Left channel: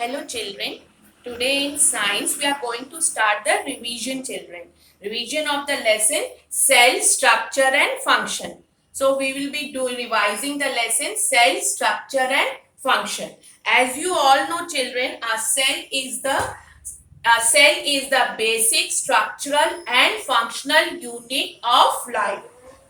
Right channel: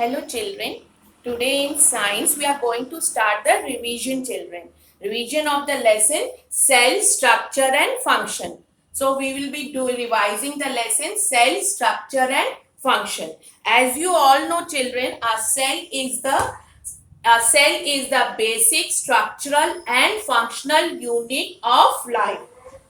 Hello children, today in science we are going to start the revision children. Revision of the lesson cell structure and function. So we will be revising the lesson cell structure and function. As you all know children, a cell is the basic structural and functional unit of life.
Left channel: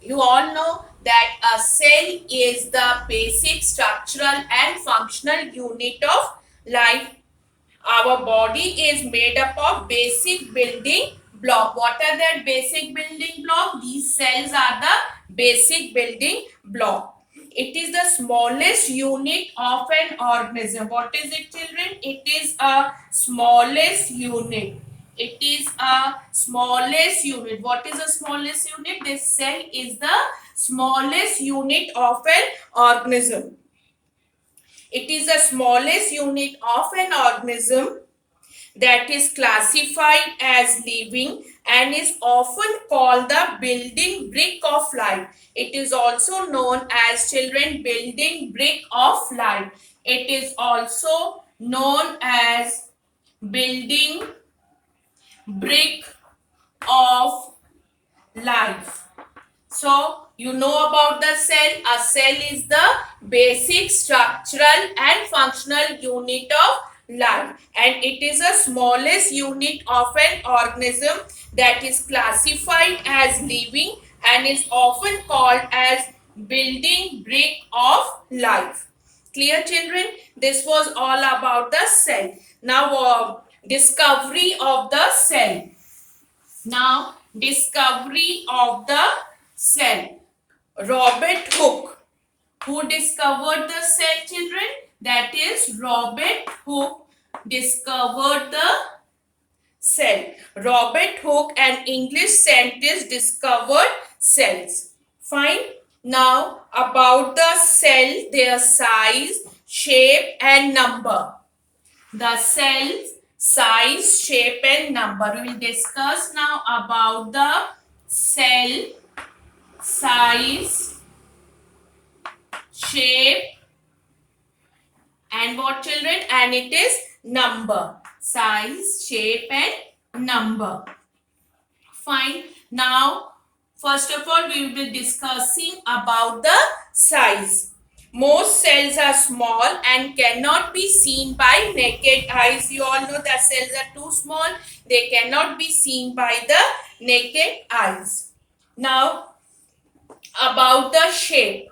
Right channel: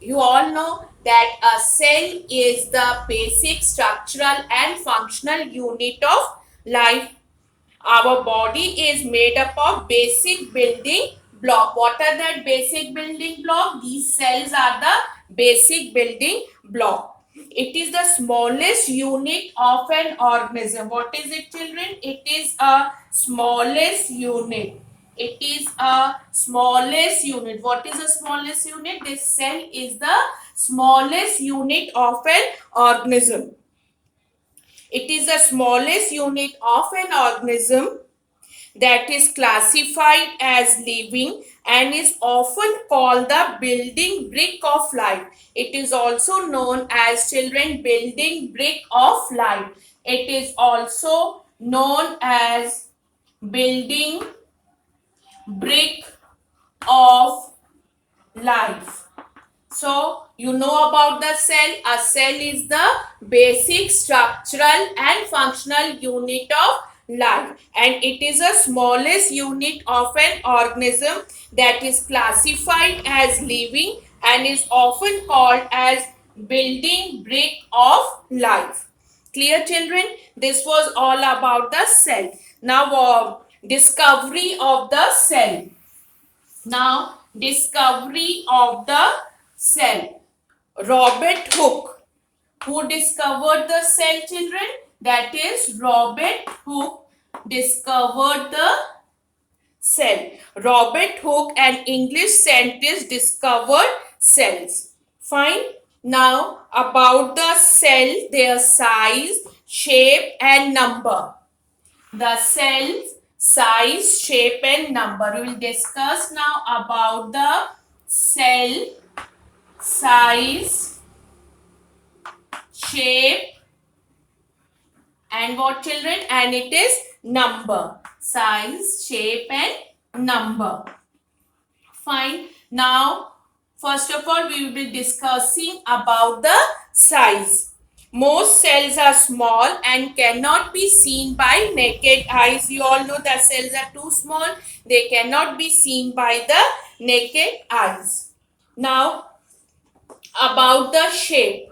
You all know that a cell is the basic structural and functional unit of life. Our body is made up of basic building block. What are that basic building block? These cells are the basic building block. It is the smallest unit of an organism. What is it, children? It is a smallest unit. It is a smallest unit. What is the smallest unit? This cell is the smallest unit of an organism. It is the smallest unit of an organism that is classified as living and is often called the building brick of life. It is also known as children building brick of life. It is also known as building brick of life. So, you know about the cell. A cell is the basic structural and functional unit of life, and it is the smallest unit of an organism that is classified as living and is often called as building brick of life. Clear children? This was all about the cell. Now, discovery of the cell. Now, discovery of the cell. Robert Hooke. Who discovered the cell, children? That is Robert Hooke discovered the cell. Robert Hooke, an English scientist, discovered cells. Fine. Now, about the cell, their size, shape and number. The cells, size, shape and number. We will discuss now about the cell, size, shape and what, children? And it is number. Size, shape and number. Fine. Now, first of all, we will be discussing about the size. Most cells are small and cannot be seen by naked eyes. You all know that cells are too small. They cannot be seen by the naked eyes. Now, about the shape.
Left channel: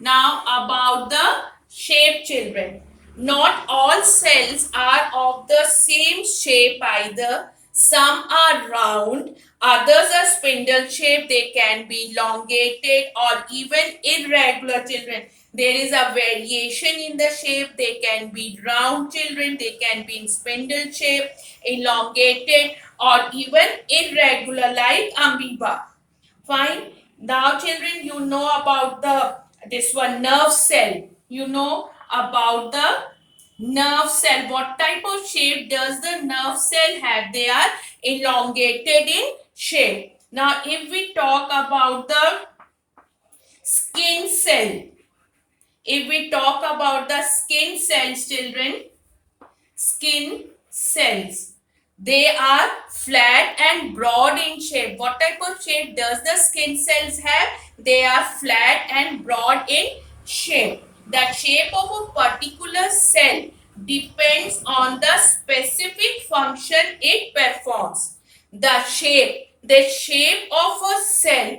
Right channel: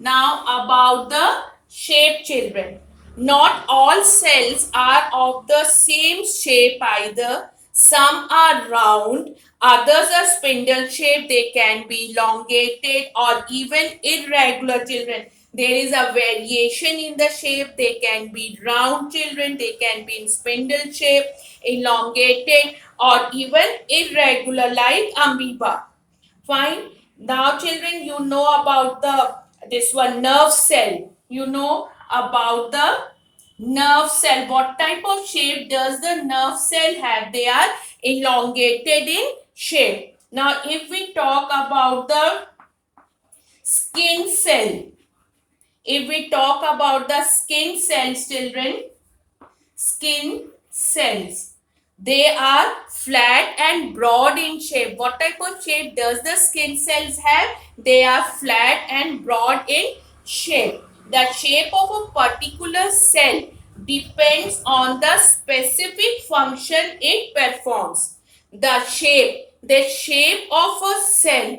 Now, about the shape, children. Not all cells are of the same shape either. Some are round, others are spindle shaped. They can be elongated or even irregular, children. There is a variation in the shape. They can be round, children. They can be in spindle shape, elongated or even irregular like amoeba. Fine. Now, children, you know about this one nerve cell. You know about the nerve cell. What type of shape does the nerve cell have? They are elongated in shape. Now, if we talk about the skin cell, if we talk about the skin cells, children, skin cells, they are flat and broad in shape. What type of shape does the skin cells have? They are flat and broad in shape. The shape of a particular cell depends on the specific function it performs. The shape of a cell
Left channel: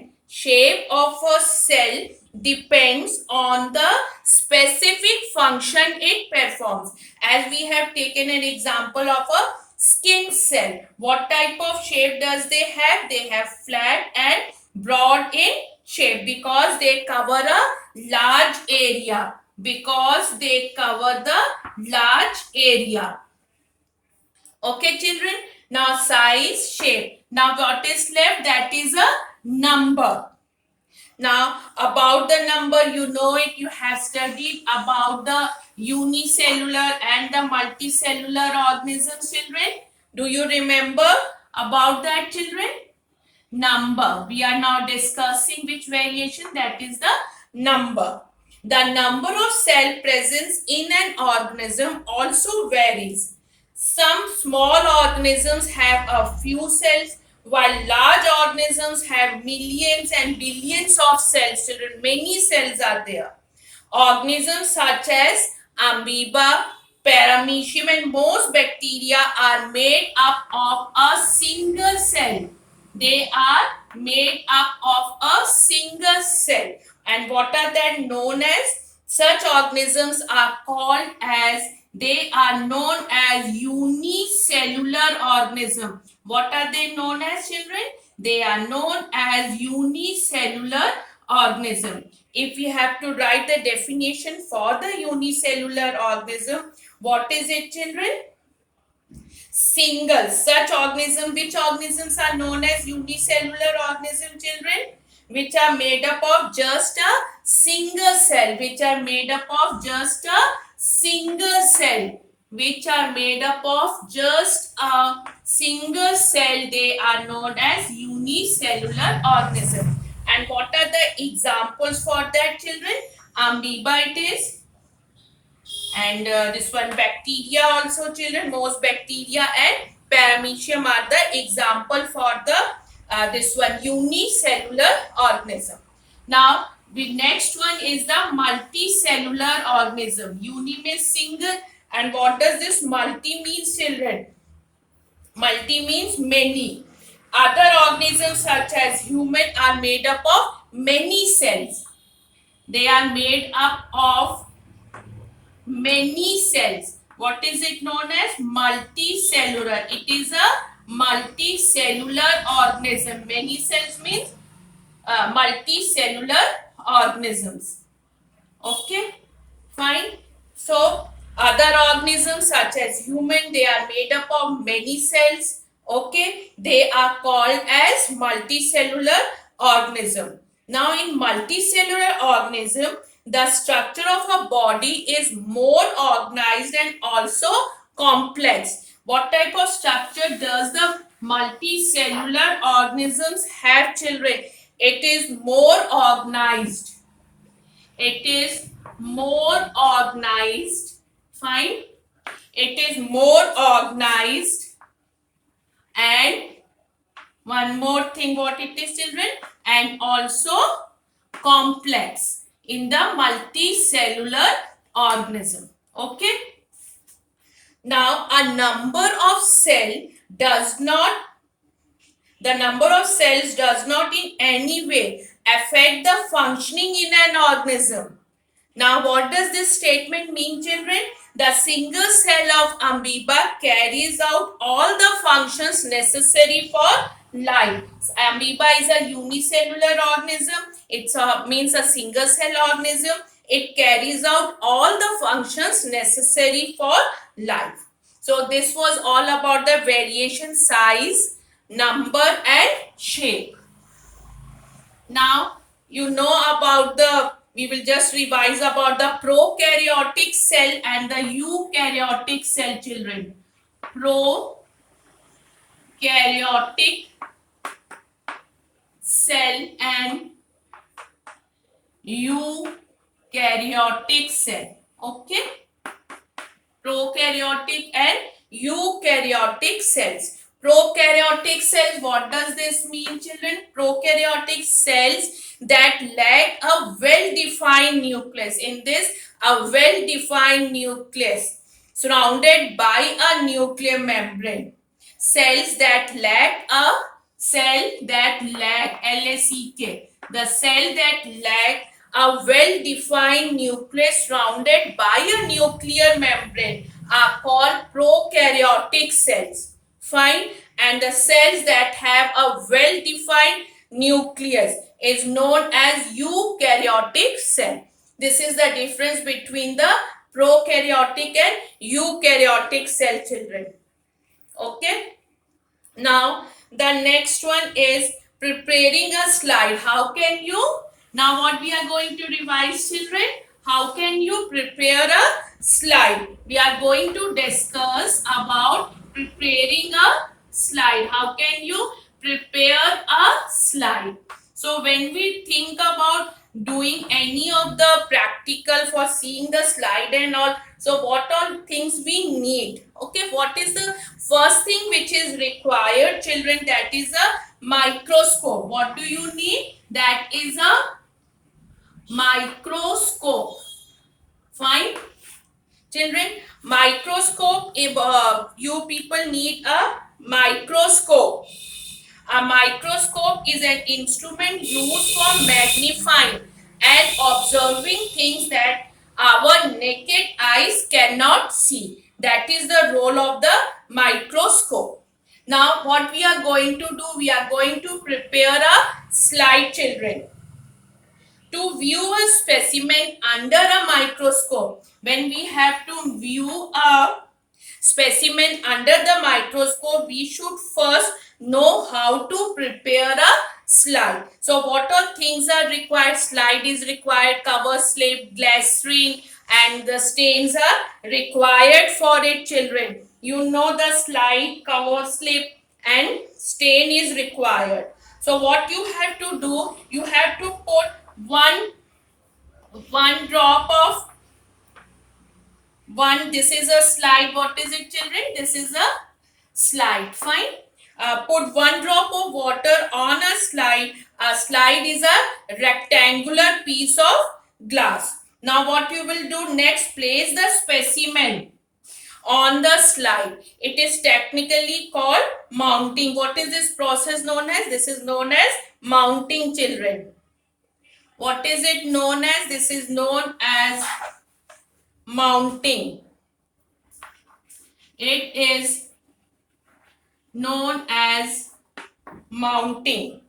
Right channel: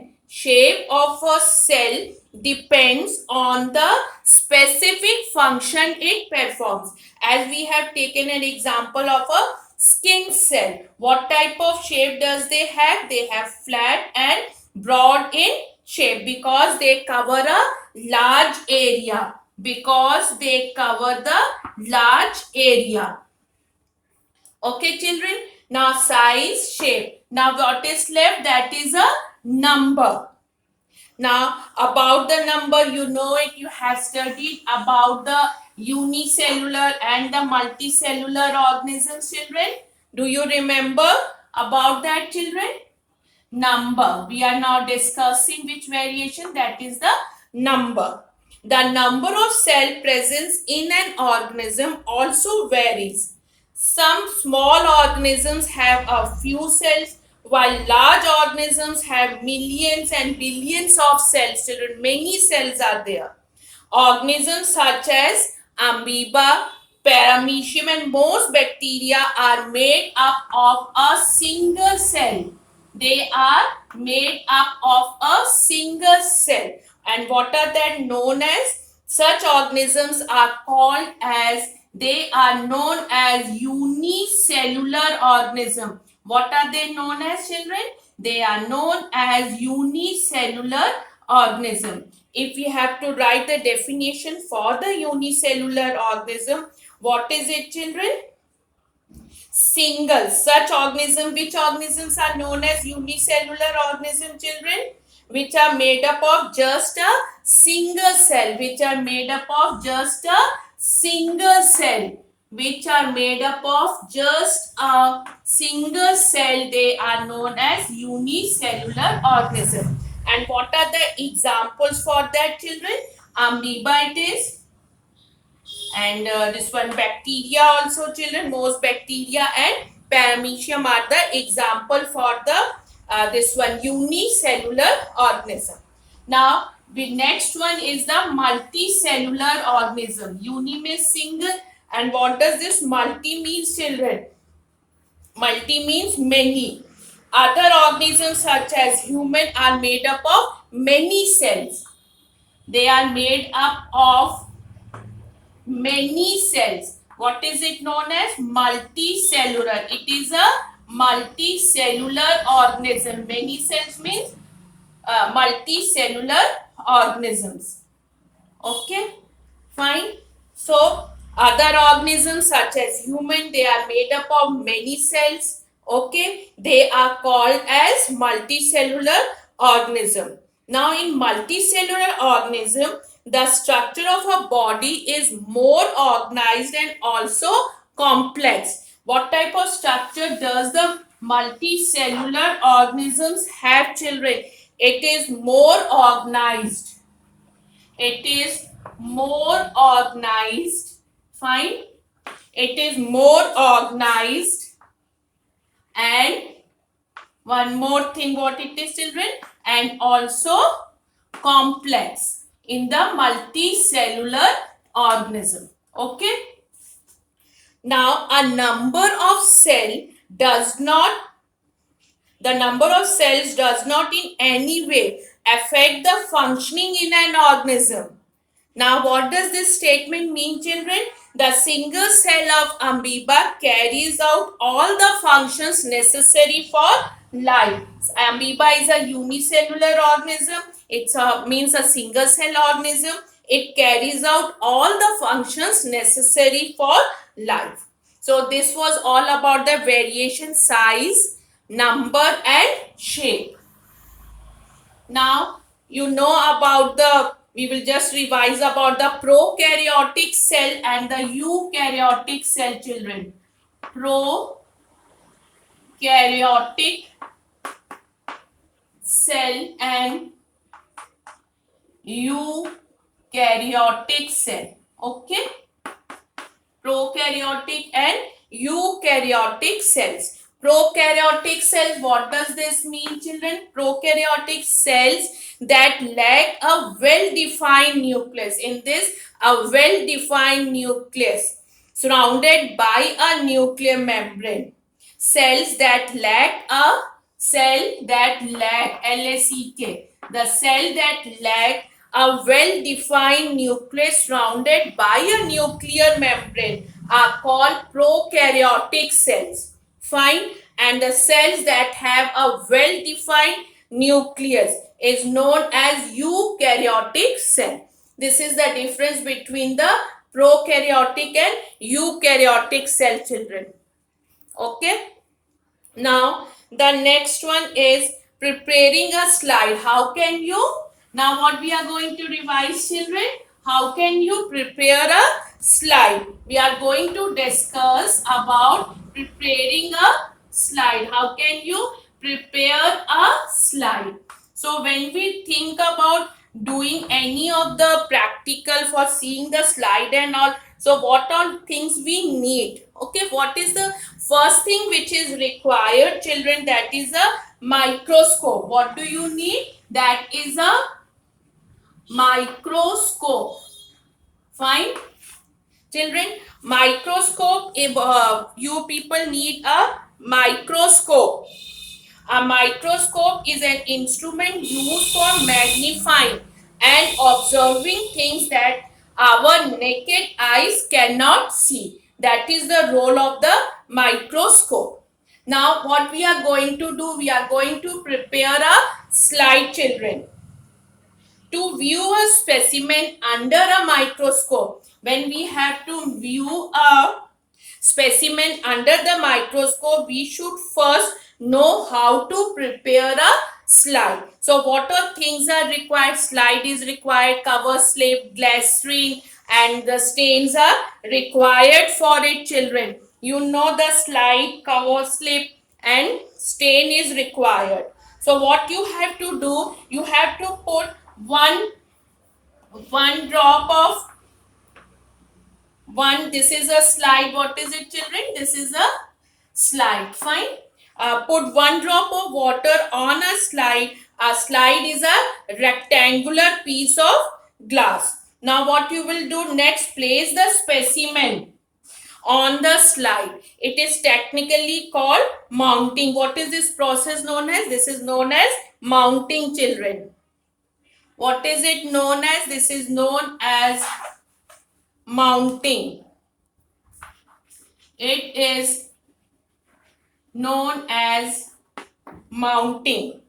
depends on the specific function it performs. As we have taken an example of a skin cell. What type of shape does they have? They have flat and broad in shape because they cover a large area. Because they cover the large area. Okay, children. Now, size, shape. Now, what is left? That is a number. Now, about the number, you know it. You have studied about the unicellular and the multicellular organisms, children. Do you remember about that, children? Number. We are now discussing which variation, that is the number. The number of cell presence in an organism also varies. Some small organisms have a few cells, while large organisms have millions and billions of cells. Children, many cells are there. Organisms such as amoeba, paramecium, and most bacteria are made up of a single cell. They are made up of a single cell. And what are they known as? Such organisms are called as, they are known as unicellular organism. What are they known as, children? They are known as unicellular organism. If you have to write the definition for the unicellular organism, what is it, children? Single. Such organism, which organisms are known as unicellular organism, children? Which are made up of just a single cell. Which are made up of just a single cell. Which are made up of just a single cell. They are known as unicellular organism. And what are the examples for that, children? Amoeba it is. And this one bacteria also, children. Most bacteria and paramecium are the example for the this one unicellular organism. Now the next one is the multicellular organism. Uni means single, and what does this multi means, children? Multi means many. Other organisms such as human are made up of many cells. They are made up of many cells. What is it known as? Multicellular. It is a multicellular organism. Many cells means multicellular organisms. Okay, fine. So other organisms such as human, they are made up of many cells. Okay, they are called as multicellular organism. Now in multicellular organism, the structure of a body is more organized and also complex. What type of structure does the multicellular organisms have, children? It is more organized. It is more organized. Fine. It is more organized. And one more thing, what it is, children? And also complex in the multicellular organism. Okay. Now a number of cells does not in any way affect the functioning in an organism. Now what does this statement mean, children? The single cell of amoeba carries out all the functions necessary for life. Amoeba is a unicellular organism. It means a single cell organism. It carries out all the functions necessary for life. So this was all about the variation, size, number and shape. Now you know about we will just revise about the prokaryotic cell and the eukaryotic cell, children. Prokaryotic cell and eukaryotic cell. Okay. Prokaryotic and eukaryotic cells. Prokaryotic cells, what does this mean, children? Prokaryotic cells that lack a well-defined nucleus. In this, a well-defined nucleus surrounded by a nuclear membrane. Cells that lack LACK. The cell that lack a well-defined nucleus surrounded by a nuclear membrane are called prokaryotic cells. Fine. And the cells that have a well-defined nucleus is known as eukaryotic cell. This is the difference between the prokaryotic and eukaryotic cell, children. Okay. Now the next one is preparing a slide. How can you? Now what we are going to revise, children? How can you prepare a slide? We are going to discuss about preparing a slide. How can you prepare a slide? So when we think about doing any of the practical for seeing the slide and all. So what all things we need? Okay, what is the first thing which is required, children? That is a microscope. What do you need? That is a microscope. Fine, children. Microscope. If you people need a microscope. A microscope is an instrument used for magnifying and observing things that our naked eyes cannot see. That is the role of the microscope. Now, what we are going to do, we are going to prepare a slide, children. To view a specimen under a microscope, when we have to view a specimen under the microscope, we should first know how to prepare a slide. So what all things are required? Slide is required, cover slip, glycerin, and the stains are required for it, children. You know the slide, cover slip, and stain is required. So what you have to do, you have to put one drop of one. This is a slide. What is it, children? This is a slide. Fine. Put one drop of water on a slide. A slide is a rectangular piece of glass. Now what you will do next, place the specimen on the slide. It is technically called mounting. What is this process known as? This is known as mounting, children. What is it known as? This is known as mounting. It is known as mounting.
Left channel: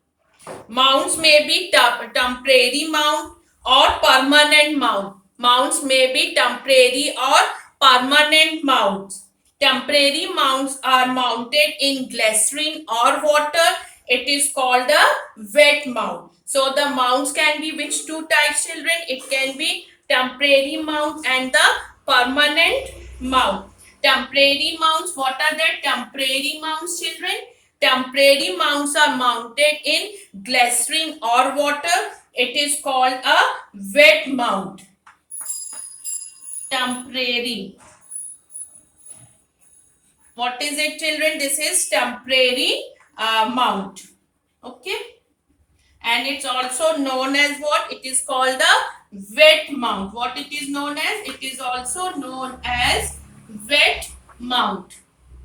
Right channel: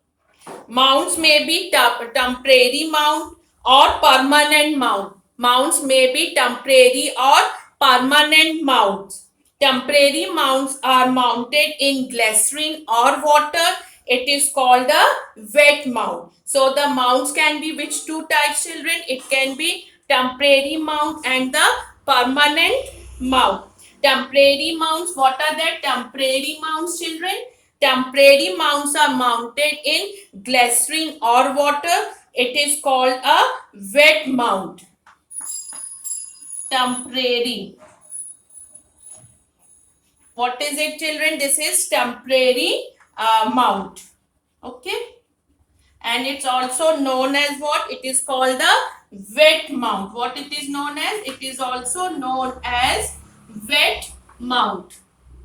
Mounts may be temporary mount or permanent mount. Mounts may be temporary or permanent mounts. Temporary mounts are mounted in glycerin or water. It is called a wet mount. So the mounts can be which two types, children? It can be temporary mount and the permanent mount. Temporary mounts, what are the temporary mounts, children? Temporary mounts are mounted in glycerin or water. It is called a wet mount. Temporary. What is it, children? This is temporary mount. Okay. And it's also known as what? It is called the wet mount. What it is known as? It is also known as wet mount.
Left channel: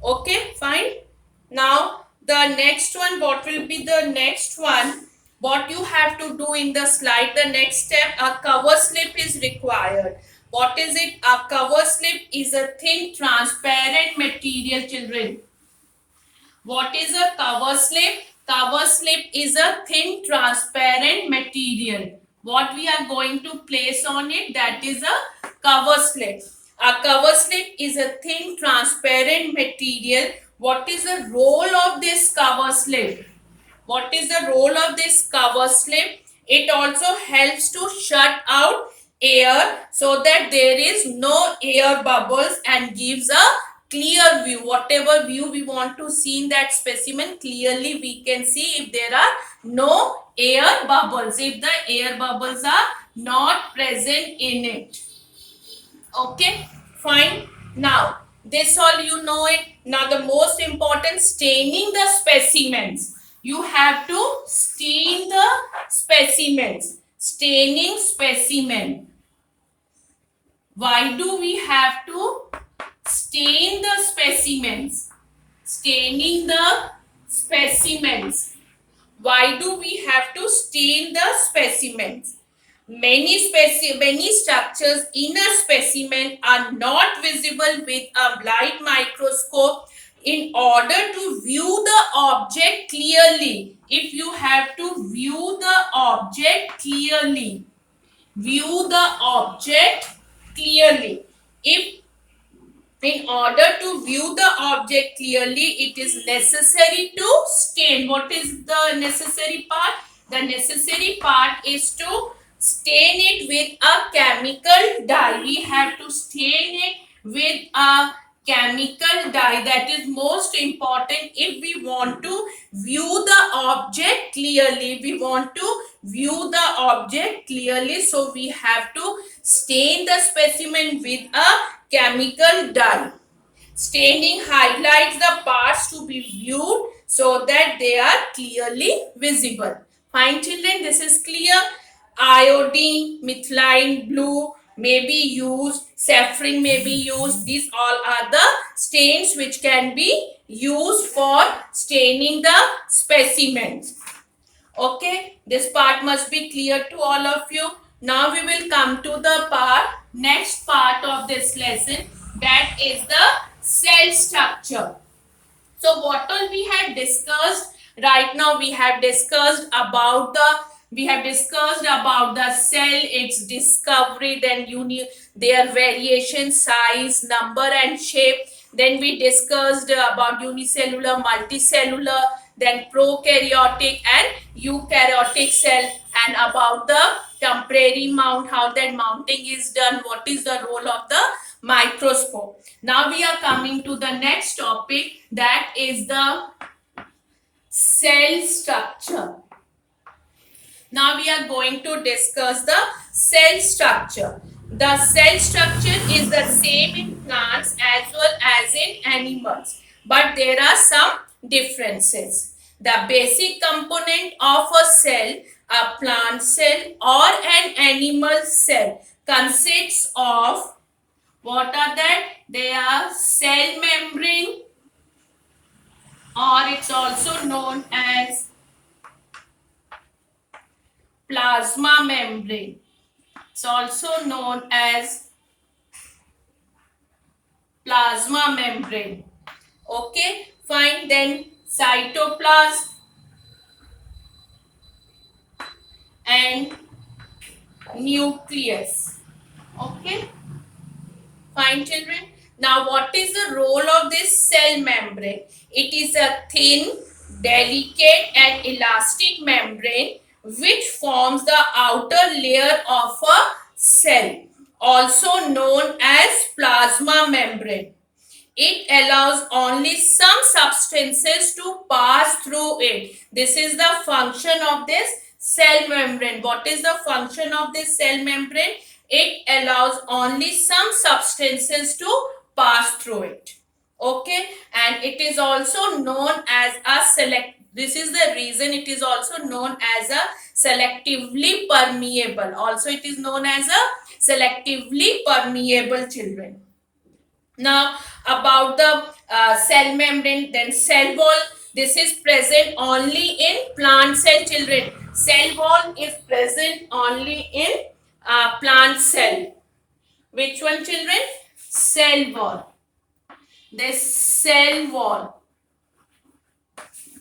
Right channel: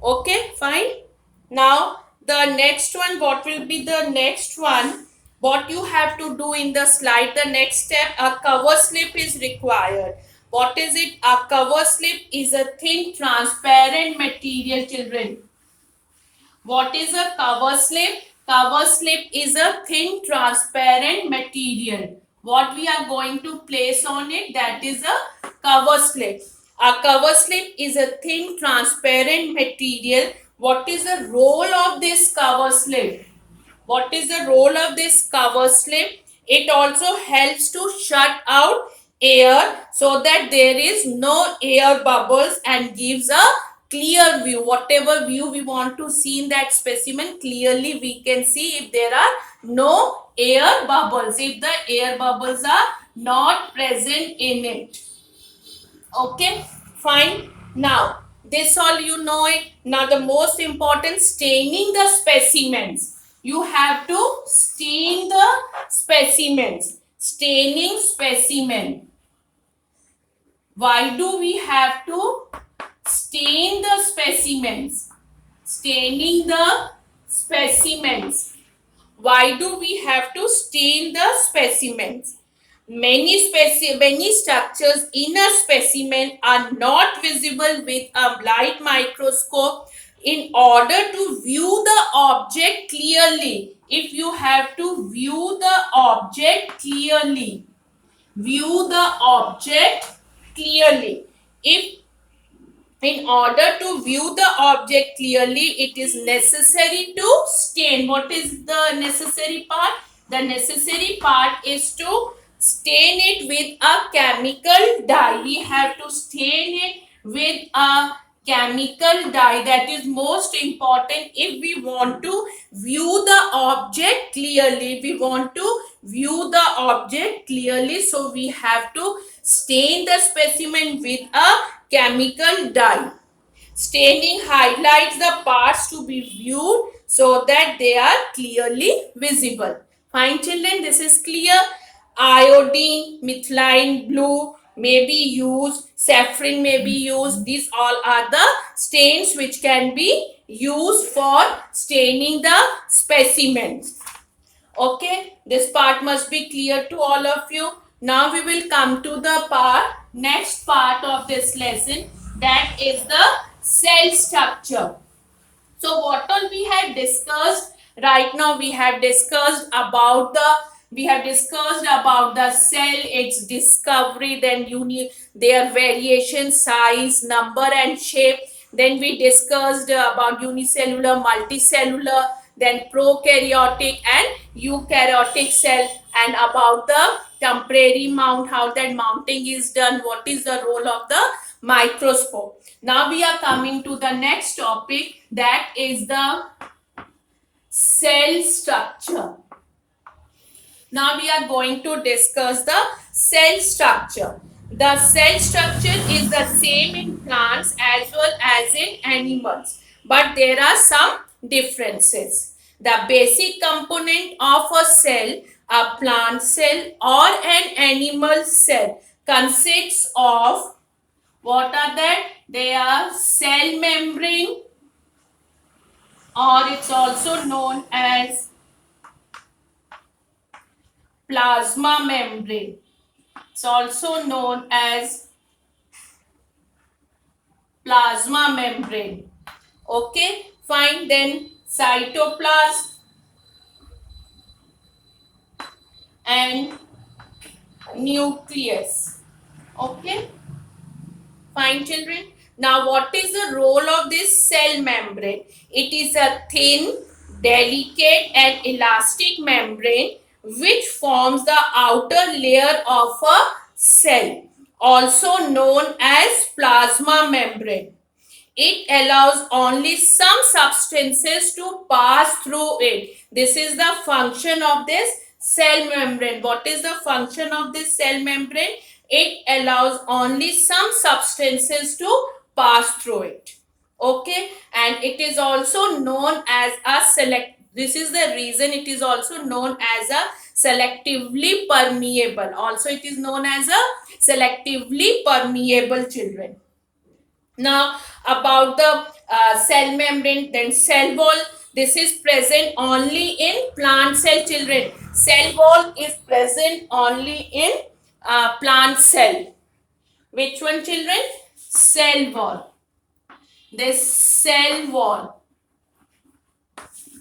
Okay, fine. Now the next one, what will be the next one? What you have to do in the slide, the next step, a cover slip is required. What is it? A cover slip is a thin transparent material, children. What is a cover slip? Cover slip is a thin transparent material. What we are going to place on it, that is a cover slip. A cover slip is a thin transparent material. What is the role of this cover slip? What is the role of this cover slip? It also helps to shut out air so that there is no air bubbles and gives a clear view. Whatever view we want to see in that specimen, clearly we can see if there are no air bubbles, if the air bubbles are not present in it. Okay, fine. Now this all you know it. Now the most important, staining the specimens. You have to stain the specimens. Staining specimen. Why do we have to stain the specimens? Staining the specimens. Why do we have to stain the specimens? Many structures in a specimen are not visible with a light microscope. In order to view the object clearly, if you have to view the object clearly, view the object clearly. If in order to view the object clearly, it is necessary to stain. What is the necessary part? The necessary part is to stain it with a chemical dye. We have to stain it with a chemical dye. That is most important if we want to view the object clearly. We want to view the object clearly, so we have to stain the specimen with a chemical dye. Staining highlights the parts to be viewed so that they are clearly visible. Fine children, this is clear. Iodine, methylene blue may be used, saffron may be used. These all are the stains which can be used for staining the specimens. Okay, this part must be clear to all of you. Now we will come to the next part of this lesson, that is the cell structure. So what all we have discussed right now, we have discussed about the cell, its discovery, then their variation, size, number and shape. Then we discussed about unicellular, multicellular, then prokaryotic and eukaryotic cell, and about the temporary mount, how that mounting is done, what is the role of the microscope. Now we are coming to the next topic, that is the cell structure. Now we are going to discuss the cell structure. The cell structure is the same in plants as well as in animals, but there are some differences. The basic component of a cell, a plant cell or an animal cell, consists of, what are that? They are cell membrane, or it's also known as plasma membrane. It's also known as plasma membrane. Okay, fine. Then cytoplasm and nucleus. Okay, fine children. Now what is the role of this cell membrane? It is a thin, delicate and elastic membrane which forms the outer layer of a cell, also known as plasma membrane. It allows only some substances to pass through it. This is the function of this cell membrane. What is the function of this cell membrane? It allows only some substances to pass through it. Okay, and it is also known as a this is the reason it is also known as a selectively permeable. Also it is known as a selectively permeable, children. Now about the cell membrane, then cell wall. This is present only in plant cell, children. Cell wall is present only in plant cell. Which one, children? Cell wall. This cell wall.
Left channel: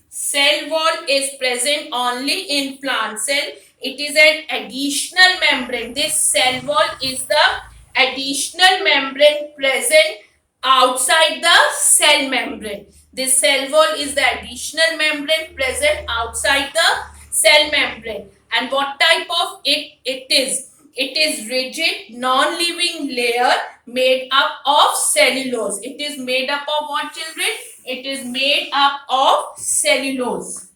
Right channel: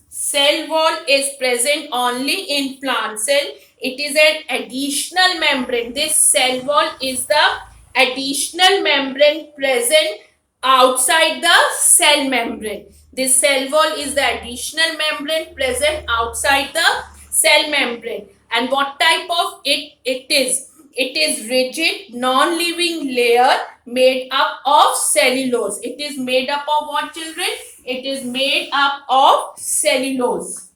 Cell wall is present only in plant cell. It is an additional membrane. This cell wall is the additional membrane present outside the cell membrane. This cell wall is the additional membrane present outside the cell membrane. And what type of it is? It is rigid, non-living layer made up of cellulose. It is made up of what, children? It is made up of cellulose.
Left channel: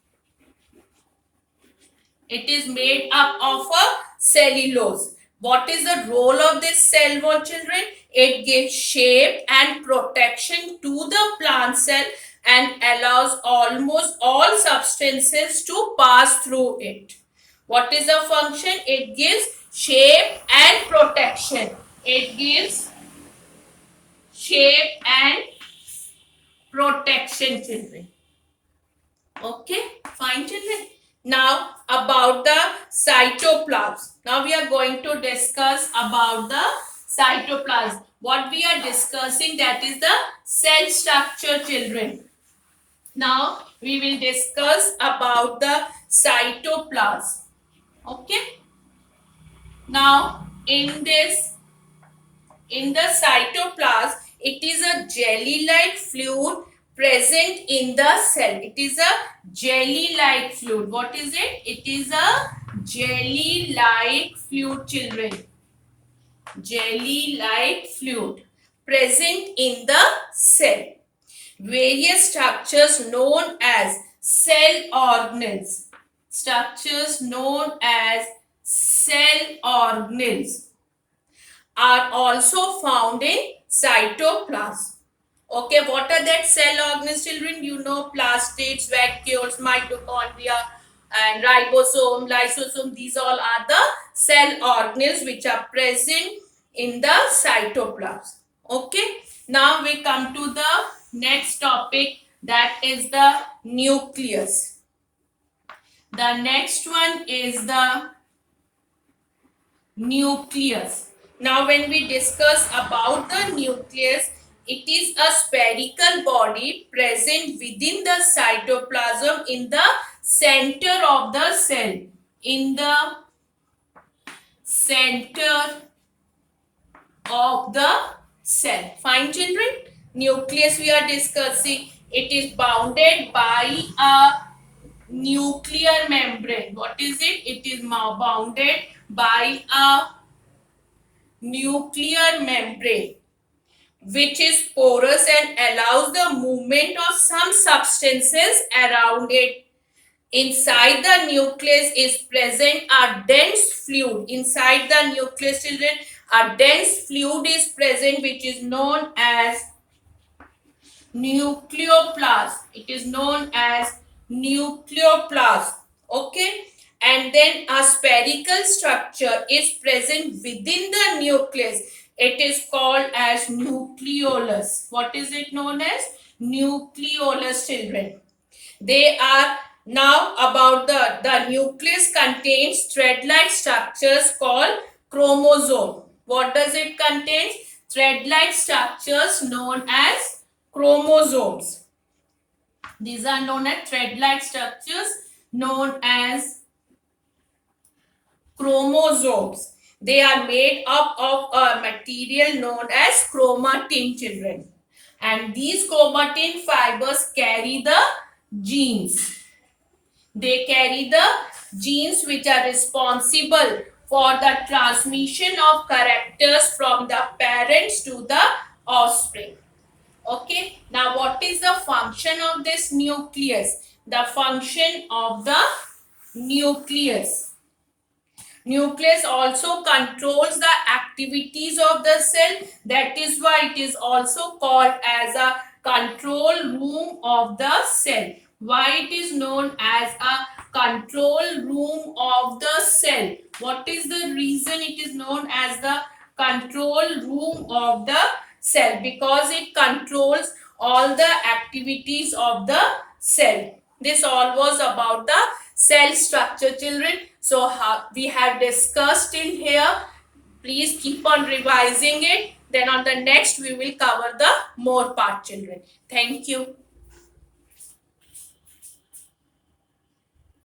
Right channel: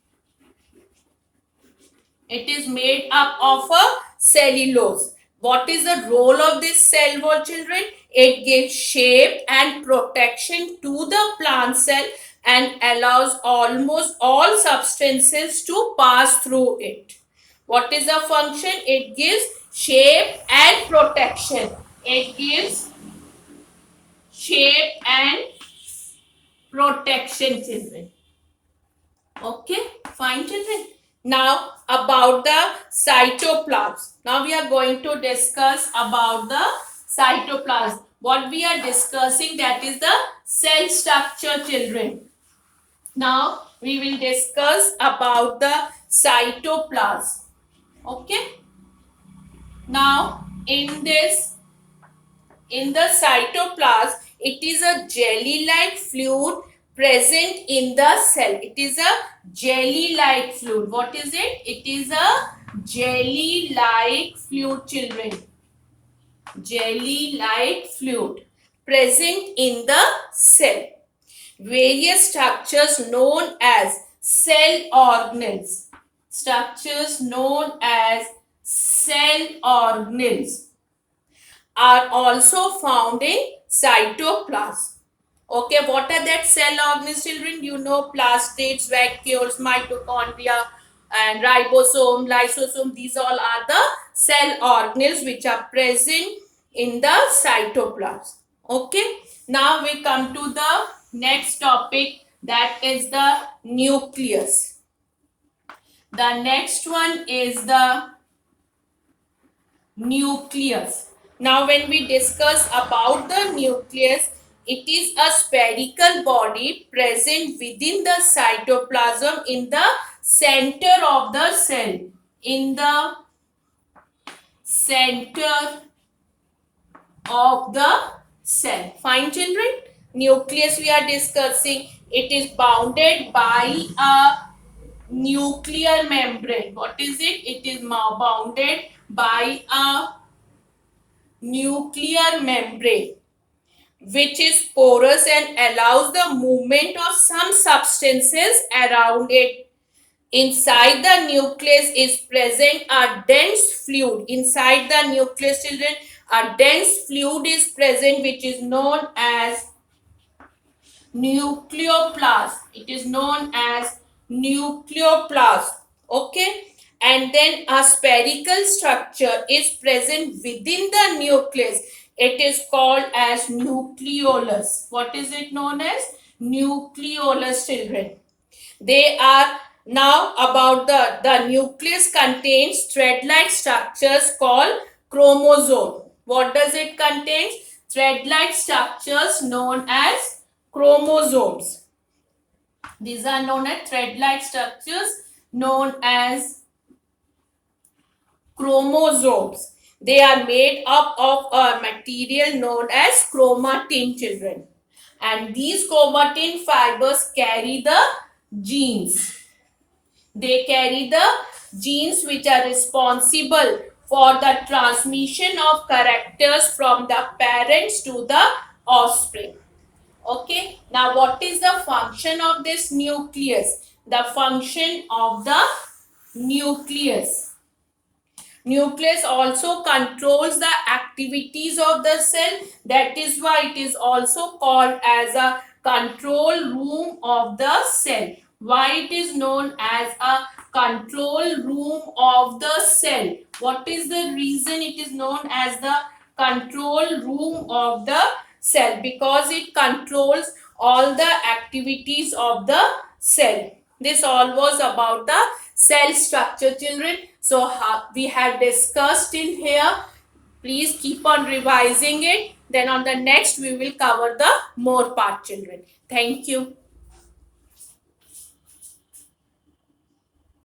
It is made up of a cellulose. What is the role of this cell wall, children? It gives shape and protection to the plant cell and allows almost all substances to pass through it. What is the function? It gives shape and protection. It gives shape and protection, children. Okay, fine, children. Now about the cytoplasm. Now we are going to discuss about the cytoplasm. What we are discussing, that is the cell structure, children. Now we will discuss about the cytoplasm. Okay. Now in the cytoplasm, it is a jelly-like fluid present in the cell. It is a jelly-like fluid. What is it? It is a jelly-like fluid, children. Jelly-like fluid present in the cell. Various structures known as cell organelles. Structures known as cell organelles are also found in cytoplasm. Okay, what are that cell organelles, children? You know, plastids, vacuoles, mitochondria, and ribosome, lysosome. These all are the cell organelles which are present in the cytoplasm. Okay, now we come to the next topic, that is the nucleus. The next one is the nucleus. Now, when we discuss about the nucleus, it is a spherical body present within the cytoplasm in the center of the cell. In the center of the cell. Fine, children? Nucleus we are discussing. It is bounded by a nuclear membrane. What is it? It is bounded by a nuclear membrane which is porous and allows the movement of some substances around it. Inside the nucleus is present a dense fluid. Inside the nucleus, children, a dense fluid is present which is known as nucleoplasm. It is known as nucleoplasm. Okay, and then a spherical structure is present within the nucleus. It is called as nucleolus. What is it known as? Nucleolus, children. They are now about the nucleus contains thread-like structures called chromosome. What does it contain? Thread-like structures known as chromosomes. These are known as thread-like structures known as chromosomes. They are made up of a material known as chromatin, children. And these chromatin fibers carry the genes. They carry the genes which are responsible for the transmission of characters from the parents to the offspring. Okay, now what is the function of this nucleus? The function of the nucleus. Nucleus also controls the activities of the cell. That is why it is also called as a control room of the cell. Why it is known as a control room of the cell? What is the reason it is known as the control room of the cell? Because it controls all the activities of the cell. This all was about the cell structure, children. So we have discussed in here. Please keep on revising it. Then on the next we will cover the more part, children. Thank you.